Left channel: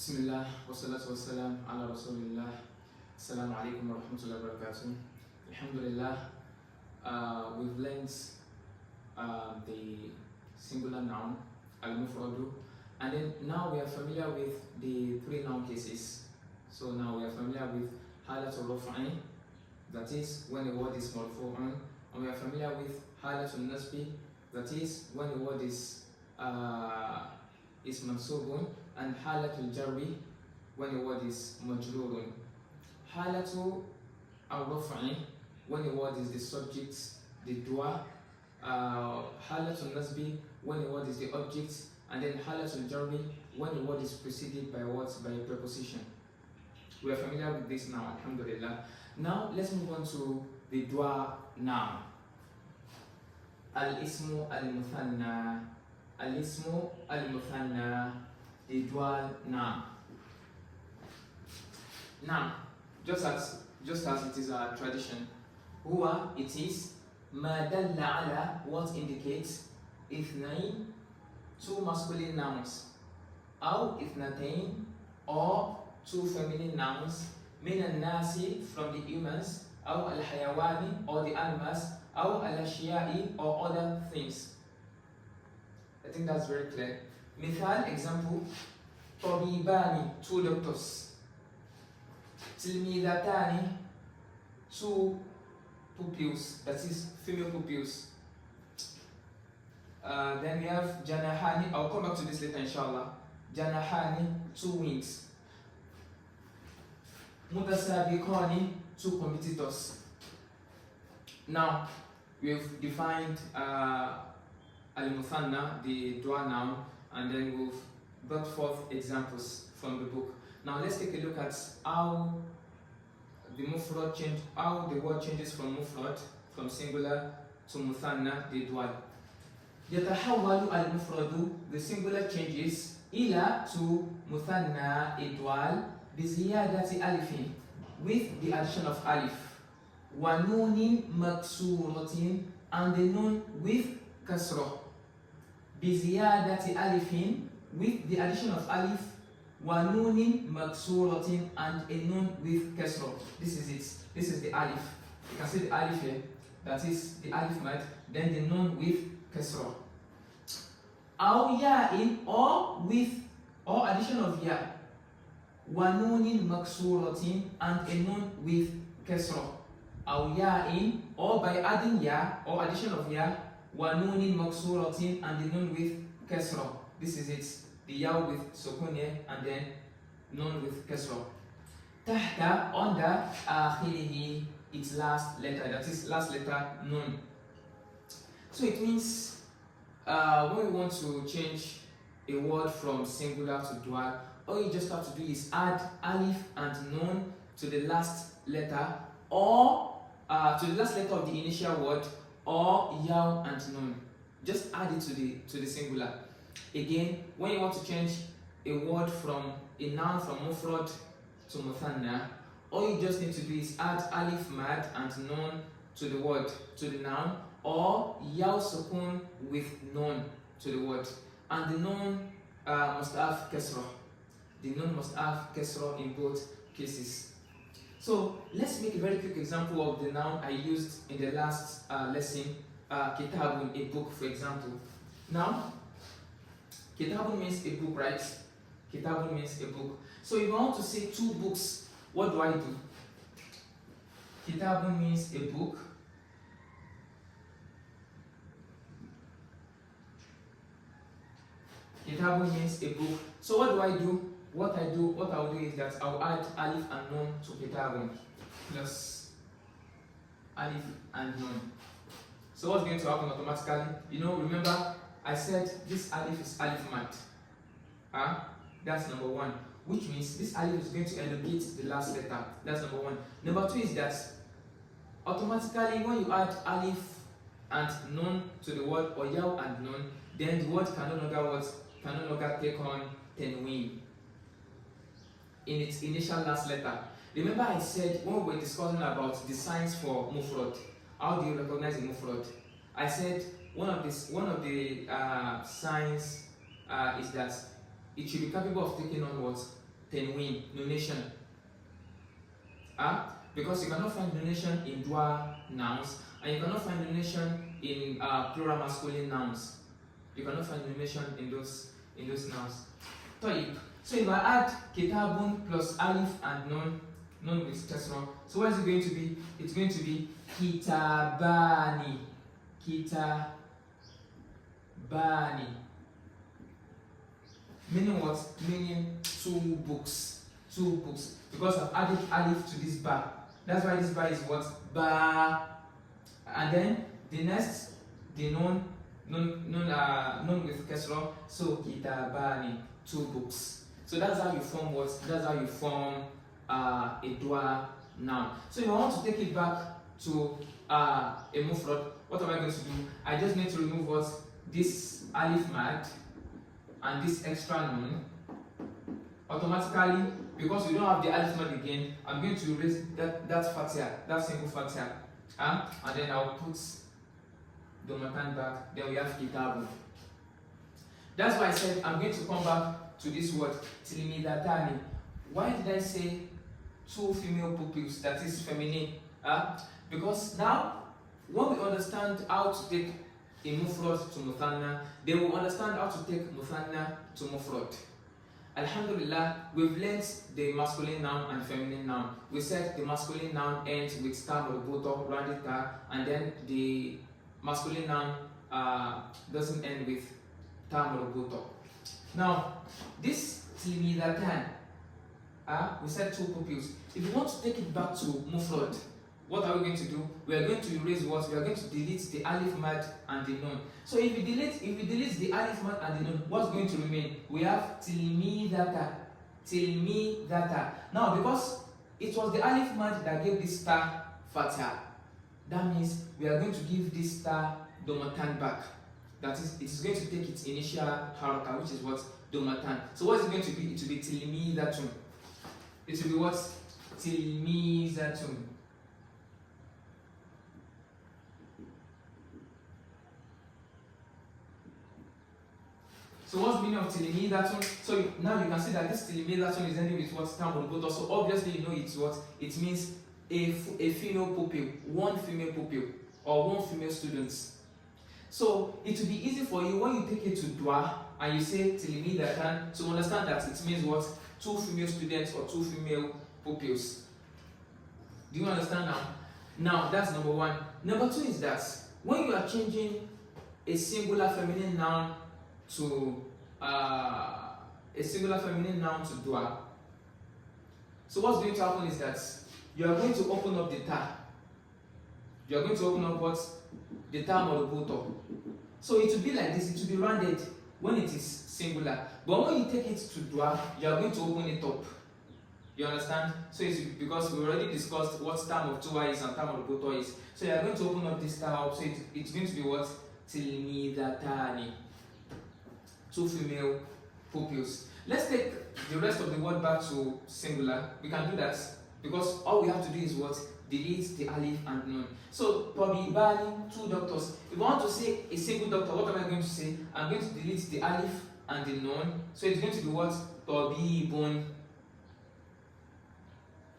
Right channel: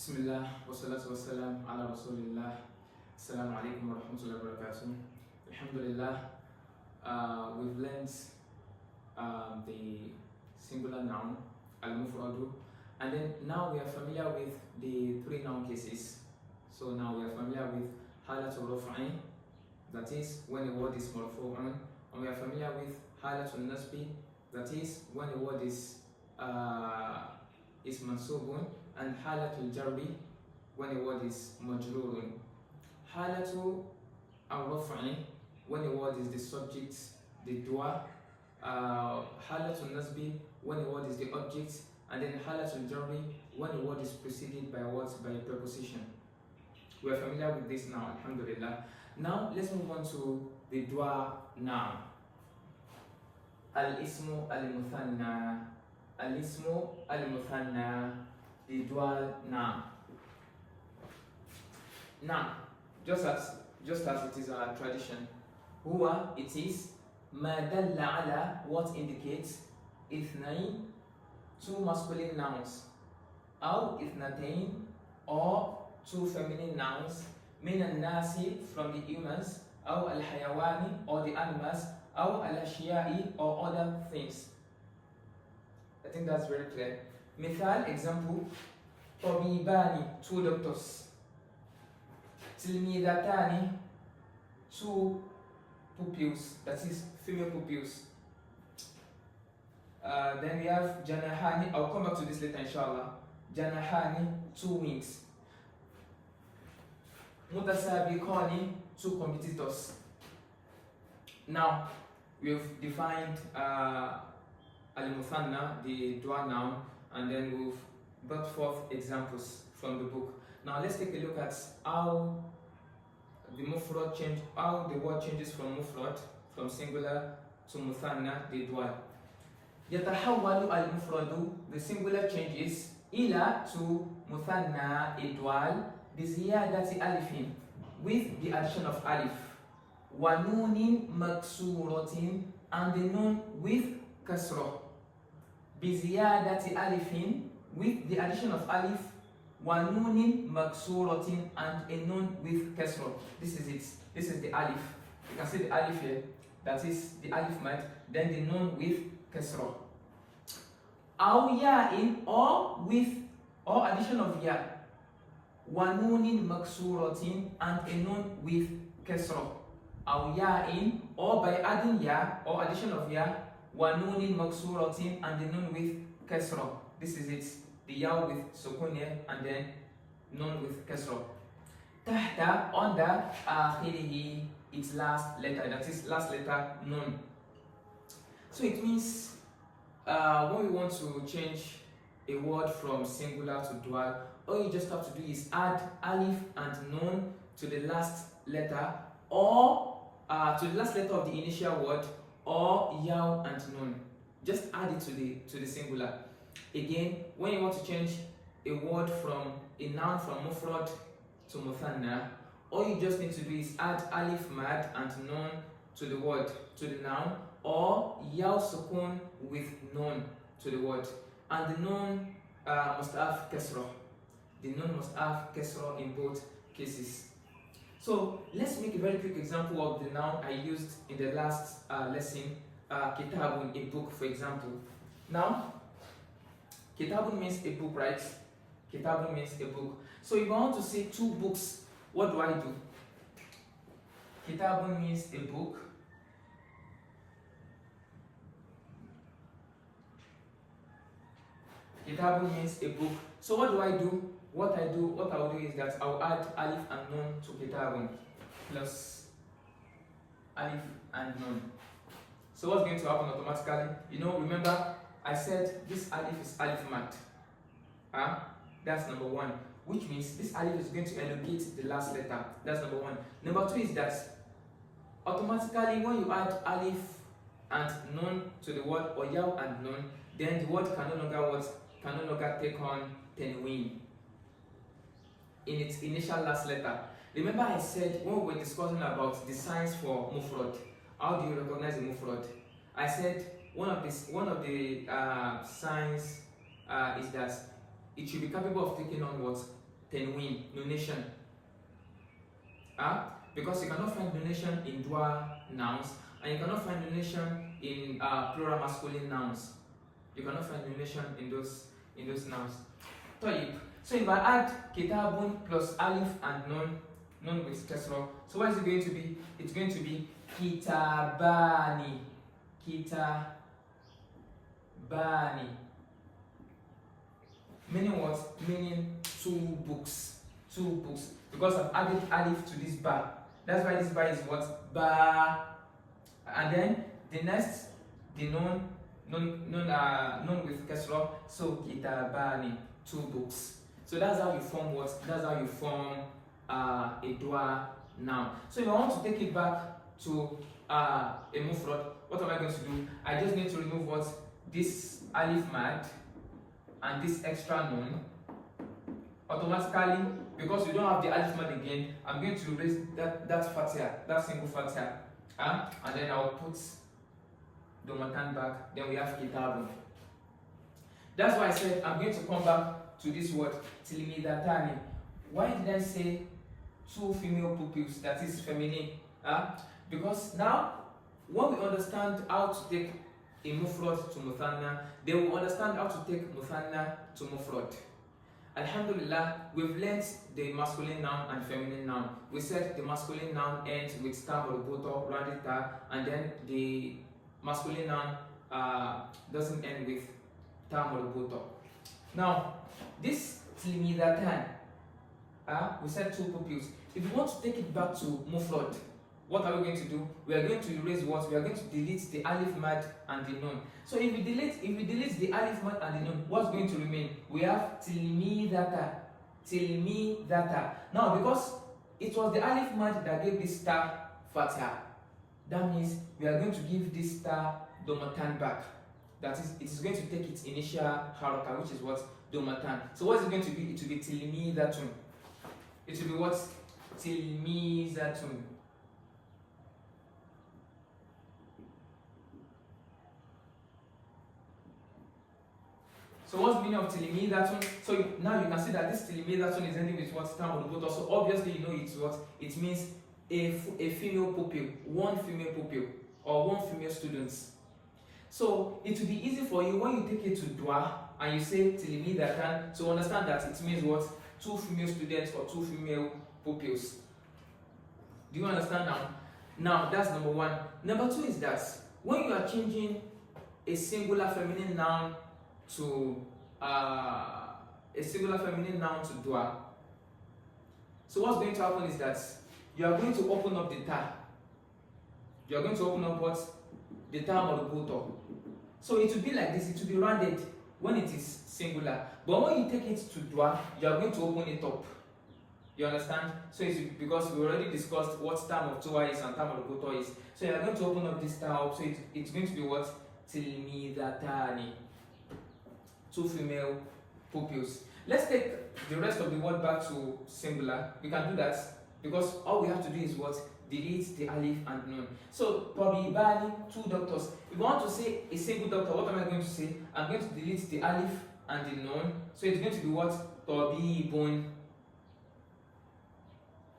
Bismillah, wassalatu wassalam ala rasulillah. Assalamu alaikum wa rahmatullahi wa barakatuh. Alhamdulillah, we've learned the singular noun, al-mufradu, and then now we are familiar with the three noun cases. So now we are familiar with halatul raf'i, that is when the word is marfu'un, and we are familiar with halatul nasbi, that is when the word is mansubun, and halatul jarri, when the word is majrurun. Halatul al-raf'i, when the word is the subject, the dua. Halatul nasbi, when the word is the object, and then halatul jarri, when the word is preceded by words, by a preposition. We are familiar with this now, alhamdulillah. Now let's move on to the dua noun. Al-ismu al-muthanna. Al-ismu al-muthanna, the dual noun. Now, just as it is our tradition, huwa, it is ma dalla ala, what indicates ithnain, two masculine nouns, aw ithnatain, or two feminine nouns, min al-nasi, from the humans, aw al-hayawani, or the animals, aw al-ashiya'i, or other things. I think that's very clear. Mithal, example, tabibani, two doctors. Tilmidatani, two pupils, that is female pupils. Then we have janahani, I'll come back to this later inshallah. Janahani, two wings. Mutasabiqani, two competitors. Now, we've defined al-muthanna, the dua noun, and then we've brought forth examples from the book. Now let's take a look at how the mufrad change, how the word changes from mufrad, from singular to muthanna, the dua. Yatahawwalu al-mufradu, the singular changes ila to muthanna, a dua, biziyadati alifin, with the addition of alif, wa nunin maksuratin, and the nun with kasra. Biziyadati alifin, with the addition of alif, wa nunin maksuratin, and a nun with kasra. This is it. This is the alif. You can see the alif here. That is the alif mad. Then the nun with kasra. Aw ya'in, or addition of ya. Wa nunin maksuratin, and a nun with kasra. Aw ya'in, or by adding ya, or addition of ya. Wa nunin maksuratin, and the nun with kasra. This is it. The ya with sukun and then nun with kasra. Tahta, under, akhirihi, its last letter, that is last letter nun. So it means when we want to change a word from singular to dual, all you just have to do is add alif and nun to the last letter, or to the last letter of the initial word, or yaw and nun. Just add it to the singular. Again, when you want to change a word from a noun from mufrad to muthanna, all you just need to do is add alif mad and nun to the word, to the noun, or yaw sukun with nun to the word. And the nun must have kasra. The nun must have kasra in both cases. So let's make a very quick example of the noun I used in the last lesson, kitabun, a book, for example. Now, kitabun means a book, right? Kitabun means a book. So if I want to say two books, what do I do? Kitabun means a book. Kitabun means a book. So what do I do? What I will do is that I'll add alif and nun to kitabun, plus alif and nun. So what's going to happen automatically? Remember I said this alif is alif mat. That's number one, which means this alif is going to elongate the last letter. That's number one. Number two is that automatically when you add alif and nun to the word, or yaw and nun, then the word can no longer take on tenween in its initial last letter. Remember I said when we were discussing about the signs for mufrad, how do you recognize a mufrad? I said one of the signs is that it should be capable of taking on what? tenwin, nonation. Because you cannot find nonation in dual nouns, and you cannot find nonation in plural masculine nouns. You cannot find nonation in those nouns. So if I add kitabun plus alif and nun with kasra, so what is it going to be? It's going to be kitabani. Kitabani. Meaning what? Meaning two books. Because I've added alif to this ba. That's why this ba is what? Ba. And then the next, the nun with kasra. So kitabani, two books. So that's how you form what? That's how you form a dual noun. So if I want to take it back to a mufrad, what am I going to do? I just need to remove what? This alif mad and this extra nun. Automatically, because we don't have the alif mad again, I'm going to erase that fatia, that single fatia. And then I'll put domatan back. Then we have kitabun. That's why I said I'm going to come back to this word, tilimidatani. Why did I say two female pupils, that is feminine? Because now, when we understand how to take a mufrad to muthanna, they will understand how to take muthanna to mufrad. Alhamdulillah, we've learnt the masculine noun and feminine noun. We said the masculine noun ends with ta marbuta, rounded ta, and then the masculine noun doesn't end with ta marbuta. Now, this tilmidatan, we said two pupils. If we want to take it back to mufrad, what are we going to do? We are going to erase what? We are going to delete the alif mad and the nun. So if we delete the alif mad and the nun, what's going to remain? We have tilmidata. Now, because it was the alif mad that gave this star fatha, that means we are going to give this star domatan back. That is, it is going to take its initial haraka, which is what? Domatan. So what is it going to be? It will be tilmidatun. It will be what? Tilmizatun. So what's the meaning of tilmidatun? So now you can see that this tilmidatun is ending with what? Tamul. So obviously you know it's what? It means a female pupil, one female pupil, or one female student. So it will be easy for you when you take it to dua and you say tilmidatan to understand that it means what? Two female students or two female pupils. Do you understand now? Now that's number one. Number two is that when you are changing a singular feminine noun to dua, so what's going to happen is that you are going to open up the ta. You are going to open up what? The ta marbuta. So it will be like this. It will be rounded when it is singular. But when you take it to dua, you are going to open it up. You understand? So it's because we already discussed what term of tuwa is and term of buto is. So you are going to open up this term up. So it's going to be what? Tilmidatani. Two female pupils. Let's take the rest of the word back to singular. We can do that because all we have to do is what? Delete the alif and nun. So tabibani, two doctors. If we want to say a single doctor, what am I going to say? I'm going to delete the alif and the nun. So it's going to be what? Tabibun.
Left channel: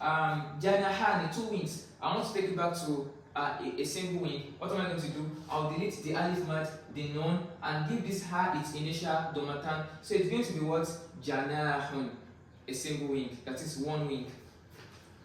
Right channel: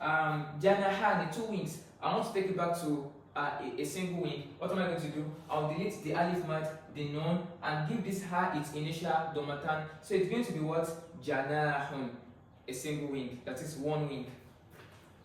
Janahani, two wings. I want to take it back to a single wing. What am I going to do? I'll delete the alif mad, the nun, and give this ha its initial domatan. So it's going to be what? Janahun, a single wing. That is one wing.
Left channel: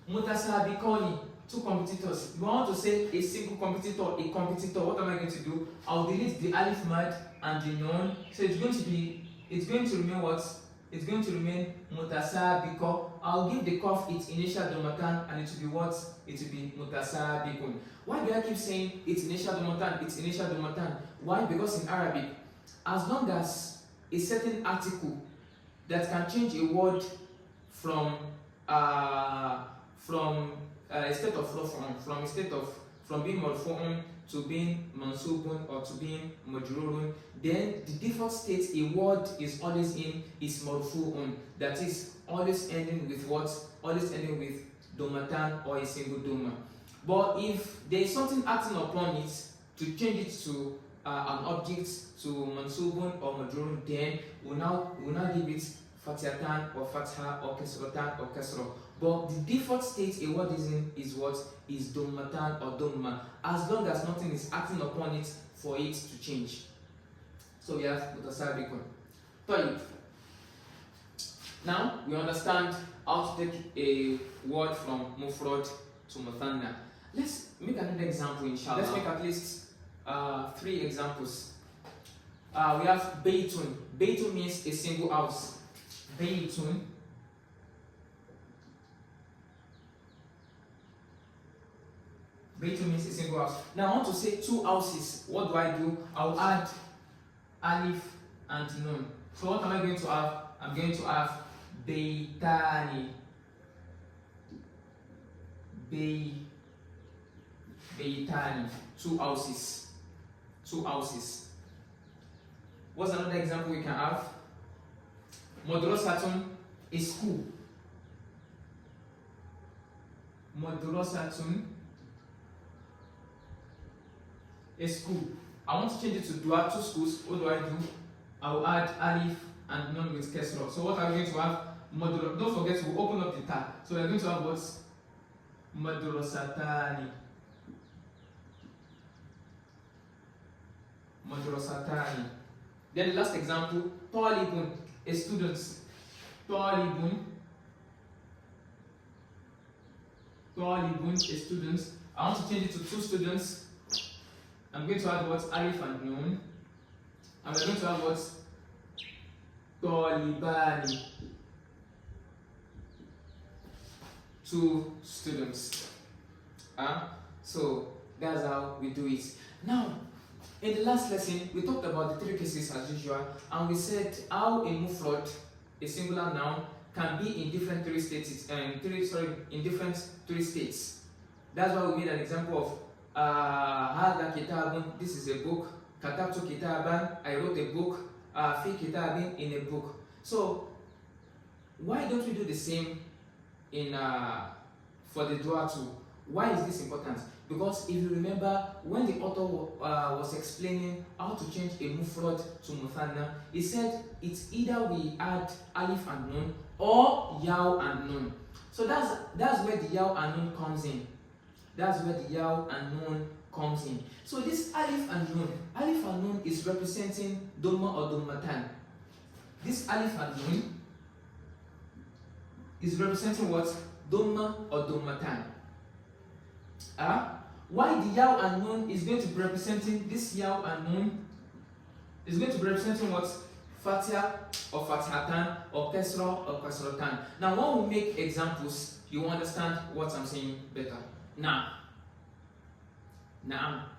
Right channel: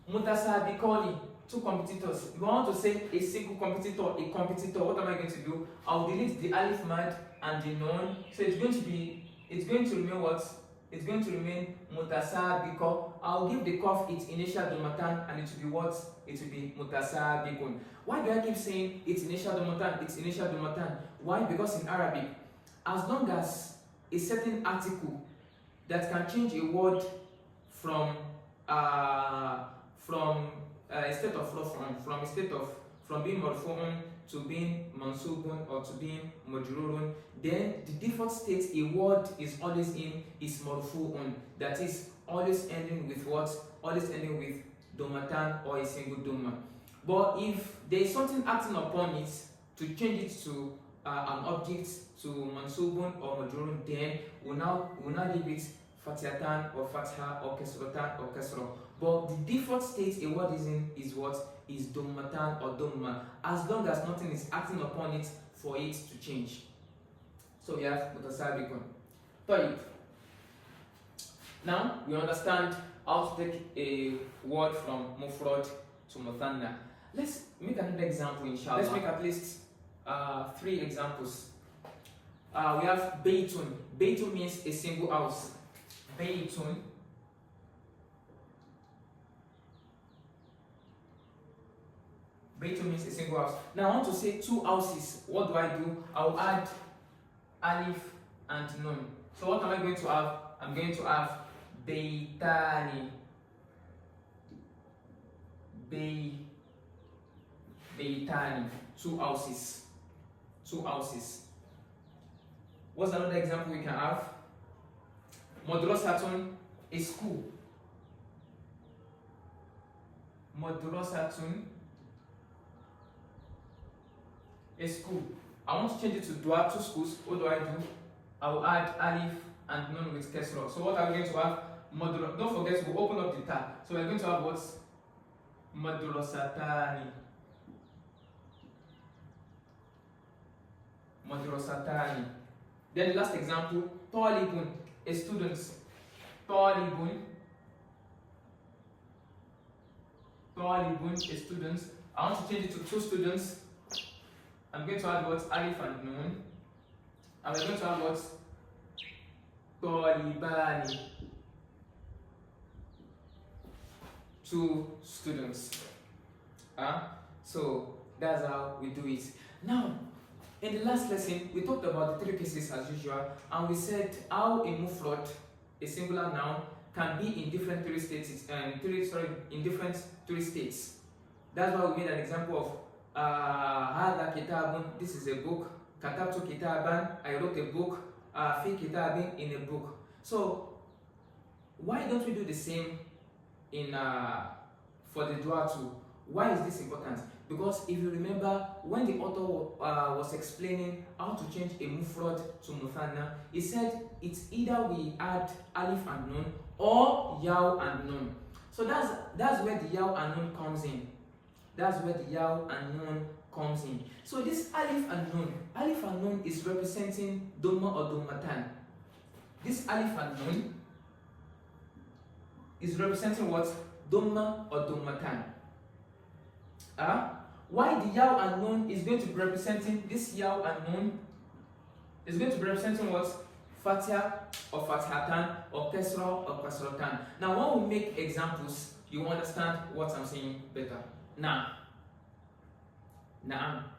Mutasabikoni, two competitors. If I want to say a single competitor, what am I going to do? I'll delete the alif mad and the nun. So it's going to remain what? It's going to remain mutasabiko. I'll give the kaf its initial domatan and it will be what? It will be mutasabikun. Why do I keep saying its initial domatan? Why? Because in Arabic, as long as a certain article that can change a word from a state of being marfu'un to being mansubun or to being majrurun, then the default state a word is always in is marfu'un. That is always ending with what? Always ending with domatan or a single doma. But if there is something acting upon it to change it to an object, to mansubun or majrurun, then we'll now leave it Fatihatan or Fatha or Kesratan or Kesro. But the default state a word is in is what? Is Dummatan or Dumma, as long as nothing is acting upon it for it to change. So we have Mutasabikun. Tayyib. Now we understand how to take a word from Mufrad to Muthanna. Let's make another example, inshallah. Let's make at least 3 examples. We have Baytun. Baytun means a single house. Baytun. Baytun means a single house. Now I want to say 2 houses. What do? I'll add alif and nun. So what am I going to have? I'm going to have Baytani. Baytani. 2 houses. 2 houses. What's another example we can have? Madrasatun, a school. Madrasatun, a school. I want to change it to dua, 2 schools. What do? I will add alif and nun with kesra. So what are we going to have? Don't forget to open up the tab. So we're going to have what? Madrasatani. Madrasatani. Then the last example, Talibun, a student. Talibun, a student. I want to change it to 2 students. I'm going to add what? Alif and nun. And we're going to have what? Talibani. 2 students. So that's how we do it. Now, in the last lesson, we talked about the 3 cases as usual, and we said how a mufrad, a singular noun, can be in different 3 states. In different 3 states. That's why we made an example of Hada kitabun. This is a book. Katabtu kitaban. I wrote a book. Fi kitabin, in a book. So why don't we do the same in for the dua too? Why is this important? Because if you remember, when the author was explaining how to change a mufrad to muthanna, he said it's either we add alif and nun or yaw and nun. So that's where the yaw and nun comes in. That's where the yaw and nun comes in. So this alif and nun is representing Dhamma or Dhammatan. This alif and nun is representing what? Dhamma or Dhammatan. Why the yaw and nun is going to be representing this yaw and nun is going to be representing what? Fatiha or Fatihatan or Kesra or Kasratan. Now when we make examples, you understand what I'm saying better. Now,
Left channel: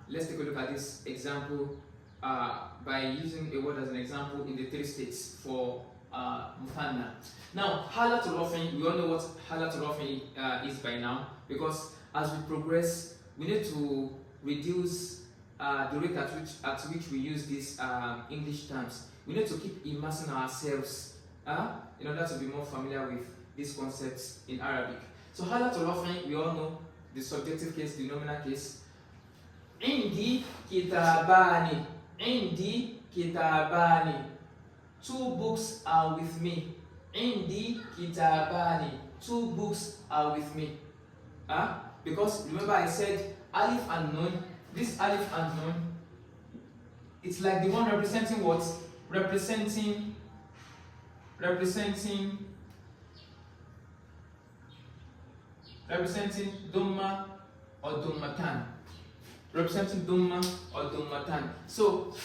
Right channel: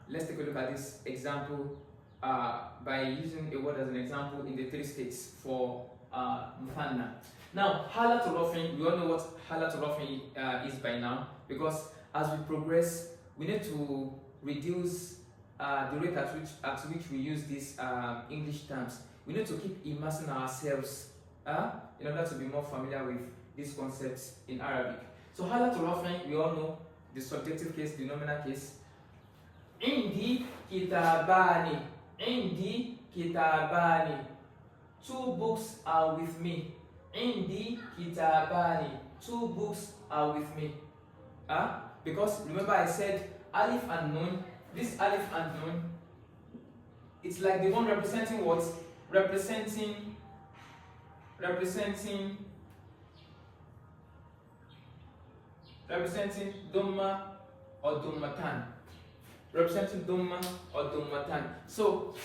let's take a look at this example by using a word as an example in the 3 states for Muthanna. Now, Halatul Rafin, we all know what Halatul Rafin is by now, because as we progress, we need to reduce the rate at which we use these English terms. We need to keep immersing ourselves in order to be more familiar with these concepts in Arabic. So Halatul Rafin, we all know the subjective case, the nominal case. Indi kitabani. Indi kitabani. 2 books are with me. Indi kitabani. 2 books are with me. Because remember I said alif and nun. This alif and nun, it's like the one representing what? Representing Dhamma or Dhammatan. Representing Dhamma or Dhammatan. So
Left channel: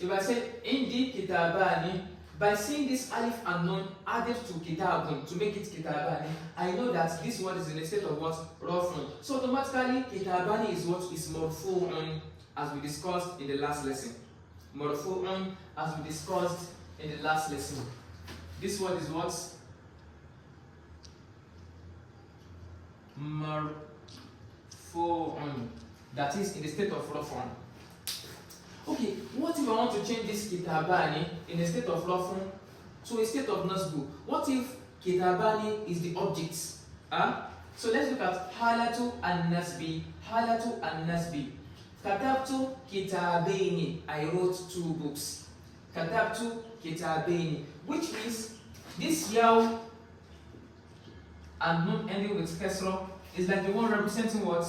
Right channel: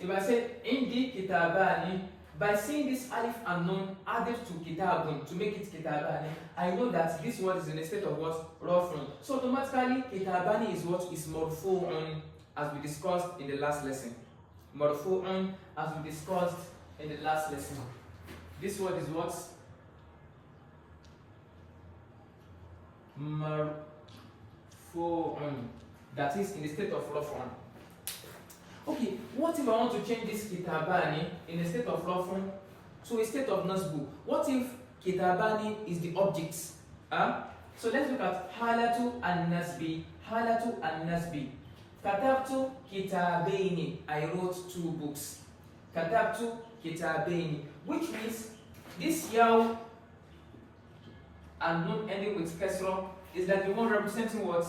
if I say Indi kitabani, by seeing this alif and nun added to kitabun to make it kitabani, I know that this word is in a state of what? Rafun. So automatically kitabani is what? Is marfu'un, as we discussed in the last lesson. Marfu'un, as we discussed in the last lesson. This word is what? Marfu'un. That is in the state of Rafun. Okay, what if I want to change this kitabani in a state of Rafun to a state of Nasbu? What if kitabani is the object? So let's look at halatu and nasbi. Halatu and nasbi. Katabtu kitabaini. I wrote 2 books. Katabtu kitabaini. Which means This yaw and nun ending with kasra is like the one representing what?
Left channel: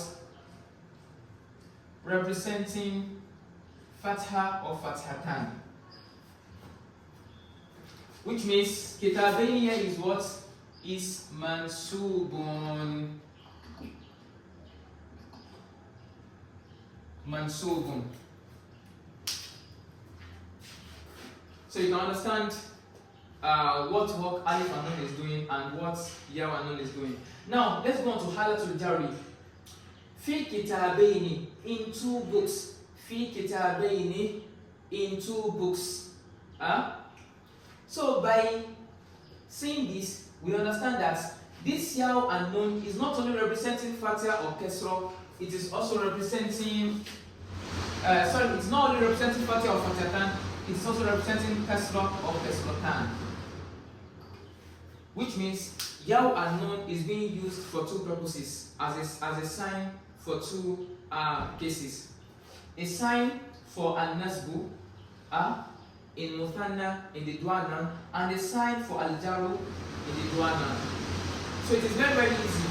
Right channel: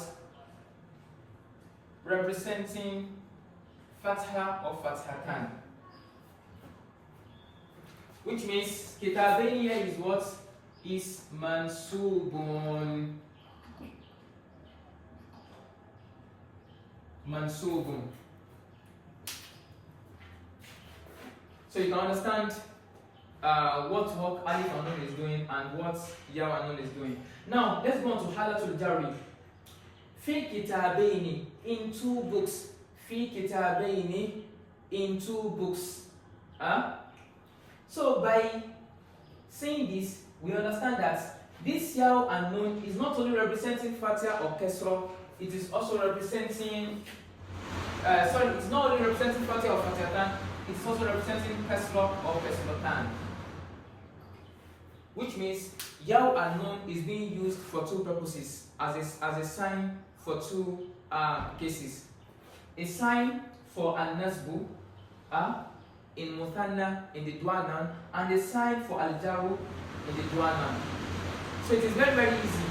Representing fatha or fathatan. Which means kitabain here is what? Is mansubun. Mansubun. So you can understand what work alif and nun is doing and what yaw and nun is doing. Now let's go on to halatul jari. Fi kitabaini, in two books. Fi kitabaini, in two books. So by saying this, we understand that this yaw and nun is not only representing fatha or kasra, it is also representing it's not only representing fatha or fathatan, it's also representing kasra or kasratan. Which means yaw and nun is being used for two purposes, as a sign for two cases. A sign for al-nasbu in muthanna, in the dua noun, and a sign for al-jaru in the dua noun. So it is very, very easy.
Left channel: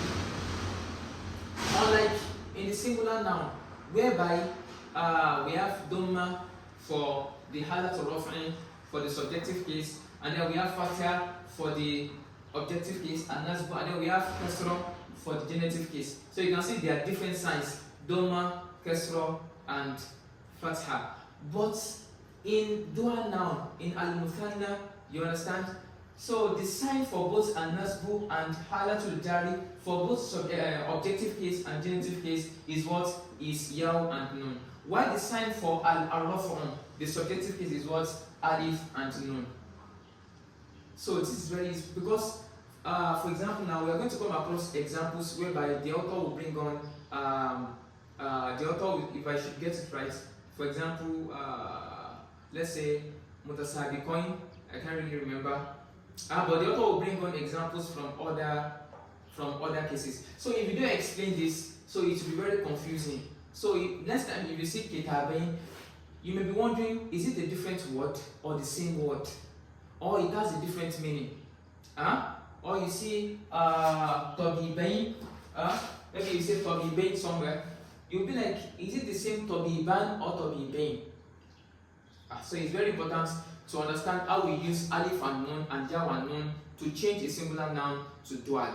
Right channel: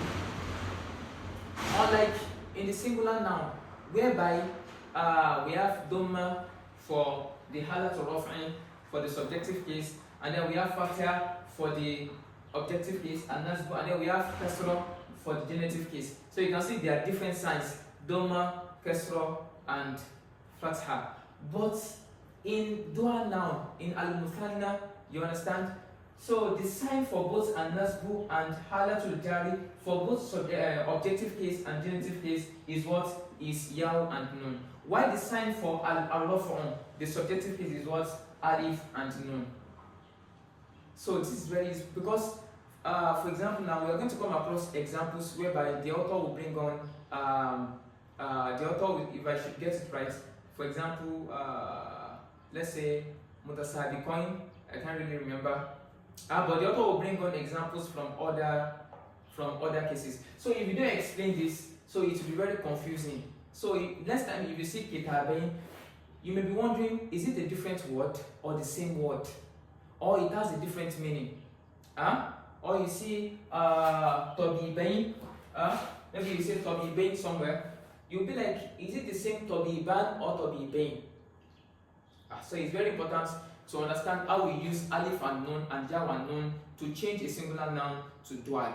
Unlike in the singular noun, whereby we have dhamma for the halatul raf'i, for the subjective case, and then we have fatha for the objective case, and nasbu, and then we have kasra for the genitive case. So you can see there are different signs: dhamma, kasra, and fatha. But in dua noun, in al-muthanna, you understand? So the sign for both an-nasbu and halatul jari for both objective case and genitive case is what? Is yaw and nun. While the sign for al-raf'u, the subjective case, is what? Alif and nun. So this is very easy because, for example, now we are going to come across examples whereby the author will bring on if I should get it right, for example, let's say mutasabiqain, I can't really remember, but the author will bring on examples from other cases. So if you don't explain this, so it will be very confusing. So next time if you see kitabain, you may be wondering, is it a different word or the same word, or it has a different meaning? Or you see tabibain, maybe you say tabibain somewhere, you'll be like, is it the same tabiban or tabibain? So it's very important to understand how we use alif and nun and yaw and nun to change a singular noun to dual.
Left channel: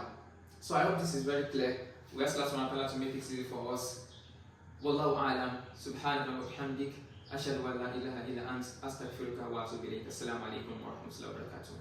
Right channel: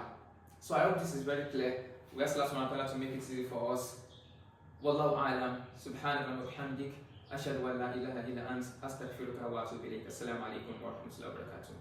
So I hope this is very clear. We ask Allah subhanahu wa ta'ala to make it easy for us. Wallahu a'lam. Subhanaka wa bihamdik. Ashhadu an la ilaha illa ant. Astaghfiruka wa atubu ilayk. Assalamu alaikum wa rahmatullahi wa barakatuh.